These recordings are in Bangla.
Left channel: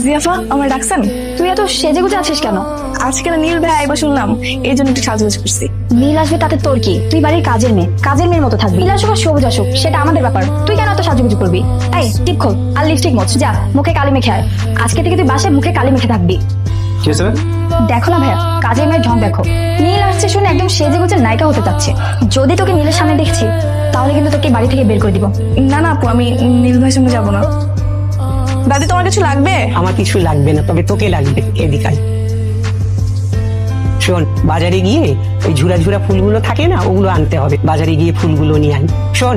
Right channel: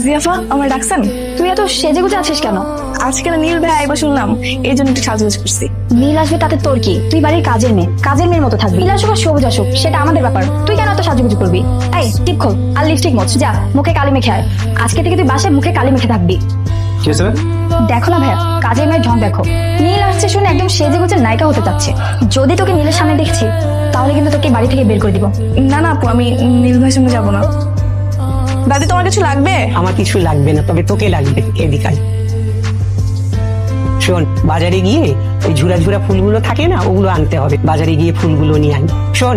জিয়াফা, আমার ডাকছেন? তুই এত সেজে গুজে আছিস কেন? আজকে না নীল ভাই আইবা শুনলাম, এই জন্য একটু সাজগোজ করছি। নীল আসবে তাতে তোর কি? তুই বাড়ির কাজের মেয়ের মতো থাকবি। নীল আসুক আর সবুজ আসুক সেটা আমাদের ব্যাপার, তুই কেন এত সাজুগুজু করবি? এই টিপ খোল আর লিপস্টিক মোছ, যা মুখে কালি মেখে আয়। আজকে থেকে তুই বাসায় মুখে কালি মেখে থাকবি। কি হয়েছে? দেখো না ভাইয়া, কাজের মেয়ের ঢং দেখো। নীল আসছে শুনে একদম সেজে গুজে নায়িকা হতে চাচ্ছে। যদি তোকে নীলের সামনে দেখছি তাহলে কিন্তু তোকে বাড়ি থেকে বের করে দিব। না না আপু, আমি নীল ভাইয়ের সঙ্গে যাবো না। দাদি তোমার কিছু লাগবে? আমার কিছু লাগবে না, তবে তোকে লাগবে। এদিকে আয়। শোন, বাজারে গিয়ে ওই ঝুরা ঝুরা ফুলগুলো থাকে না, ওগুলো আনতে হবে। বাজারে গিয়ে ফুলগুলো নিয়ে আয়। শোন,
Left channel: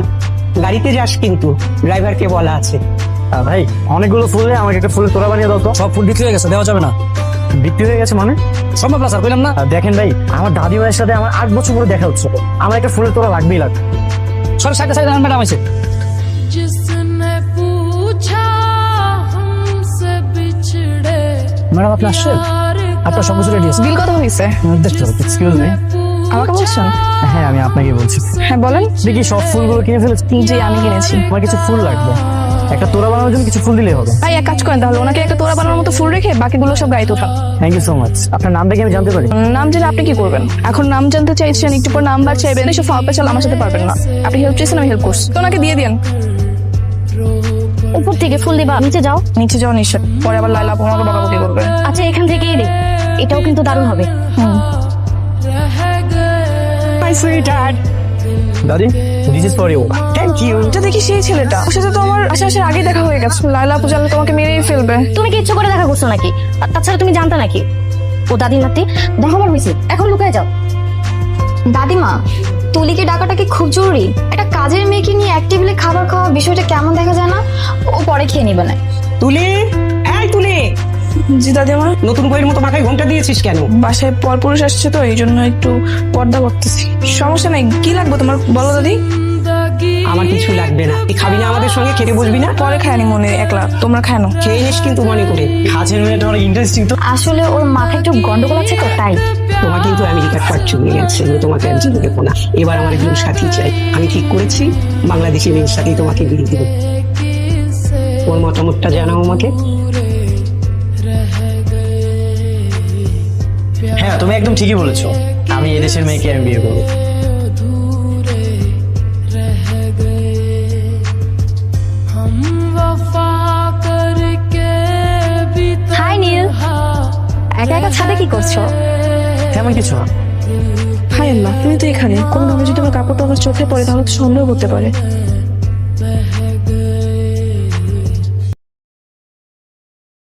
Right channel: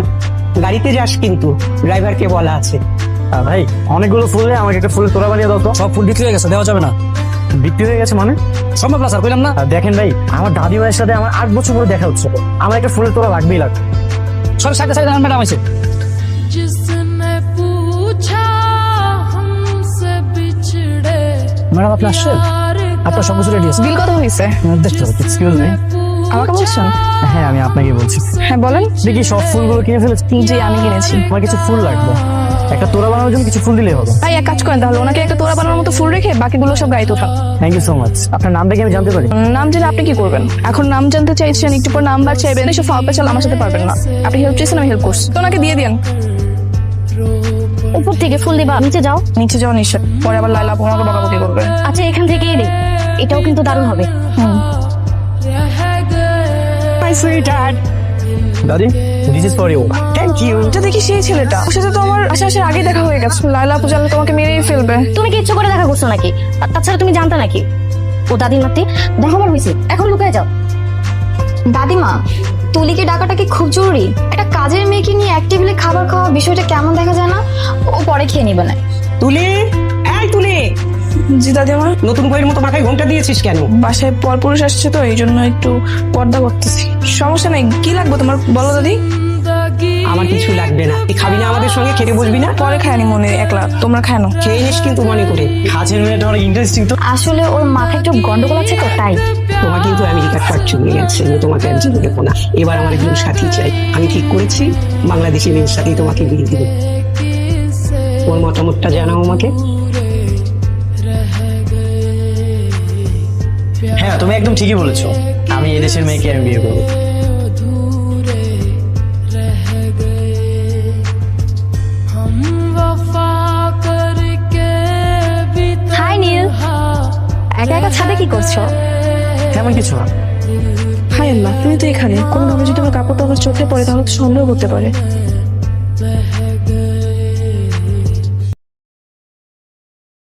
গাড়িতে যাস কিন্তু, ড্রাইভারকে বলা আছে। ভাই অনেকগুলো ফুল নেই, আমাকে একটা ফুলের তোড়া বানিয়ে দাও তো। সব ফুল বিক্রি হয়ে গেছে, দেওয়া যাবে না। বিক্রি হয়ে গেছে মানে? সম্ভব না স্যার, কইলাম না। দেখেন ভাই, আমার দাদিমায়ের সাথে আমার 8 বছর পরে দেখা হচ্ছে, আমার একটা ফুলের তোড়া লাগবেই লাগবে। সব সাইডে সাইডে ম্যাডাম আছে। जिसने पूछा हमसे बिछड़े ম্যাডাম আপনি আসছেন? আপনার সব কিছু রেডি আছে। বিল কত হয়েছে? দেখতে হবে। Excuse me. আমাকে বলছেন? হ্যাঁ, আমি আপনাকে বলছি। হ্যাঁ বলেন। দেখি সব ফুলগুলো কিনে ফেলেছি। জি আমি কিনেছি। আমার কিছু ফুল লাগবে, একটা তোড়া বানানোর জন্য কিছু ফুল দিলেই হবে। ভাই এক কাজ করেন তাহলে, ওনাকে একটা তোড়া বানানোর মতো ফুল রেখে বাকিগুলো সব গাড়িতে উঠান। Thank you so much. আপনার নামটা কি আমি জানতে পারি? নাম জেনে আপনি কি করবেন? এখন নাম জানতে চাইছেন, একটু পর নাম্বার চাইবেন, এসব ফাল পেছাল আমার সাথে পারবেন না। আপনি হেল্প চাইছেন, আমি হেল্প করছি, তো ওনাকে দিয়ে দিন। উপর থেকে ফুল দিবা, নিচে যাও। নিচে যাওয়া নিশ্চয়, পরে আবার লাইলা আপু আমাকে বকাবকি করবে। আচ্ছা এখান থেকেই দে, এটাও কিন্তু দারুণ হবে। रह गए মাই সুইটহার্ট। দাদি, this is for you. Thank you. এটা দেখি সেই ছেলেটা, ওর সাথে তো আমার আসার আগে দেখা হয়ে গেছে। লাইলা আপু জানলে তোমাকে মেরেই ফেলবে। তুমি কি ইচ্ছে করে দেখা করছো নাকি? আর তাছাড়া তুমি জানতা নাকি ও দাদির নাতি? দেখো আমার হয়েছে, এখন লুকিয়ে যাও। দাদিমা, তুলিকে ডাকাটা কি খুব জরুরি? একটা কাজের মেয়েকে নিয়ে এক টেবিলে খাবার খাওয়া বিষয়টা কেমন দেখা যায় না? ও পরে খেয়ে নিবে না। তুলি, এই তুলি, জি দাদিমা। নতুন বইয়ের মতো মাথায় ঘোমটা দিয়েছিস কেন? বাসায় পরপুরুষ আসছে তো এই জন্য একটু পর্দা করতেছি। সমস্যা নাই, কি লাগবে তোমার বলো দাদি। আমার কিছু লাগবে না। তুই খাবি না আমাদের সঙ্গে? খেতে বসবি না? পরে খায়নি মনে, একলা তোমরা খায়নো। খেয়ে নিস কিন্তু মনে করে। কাজের মেয়েটা অনেক ইন্টারেস্টিং তো। আসলে ওর মাথায় একটু গন্ডগোল আছে তো, তাই। তোমার কিন্তু আমেরিকার কাজ চলে গেছে, আমি তোমাকে আর জেনে দেবো না। এবার আমার একজন সাথী চাই। আমি ঠিক করেছি বাংলাদেশি মেয়ের সাথেই তোমাকে বিয়ে দেবো। ওর মতামতটা জানাও আমাকে। হ্যাঁ, তুমি একদম ঠিকই বলেছো, আমি এদেশের মেয়েকে আমি বিয়ে করবো। अधूरे रह गए हम वफा करके भी হাই নীল, একা একা ছাদে কি করছো? তেমন কিছু না। হাই আল্লাহ, তুমি তো এখানে। কোনোভাবে যদি আমার কাপড়টা আমার চোখে পড়ে তাহলে তো সন্দেহ করতে পারে।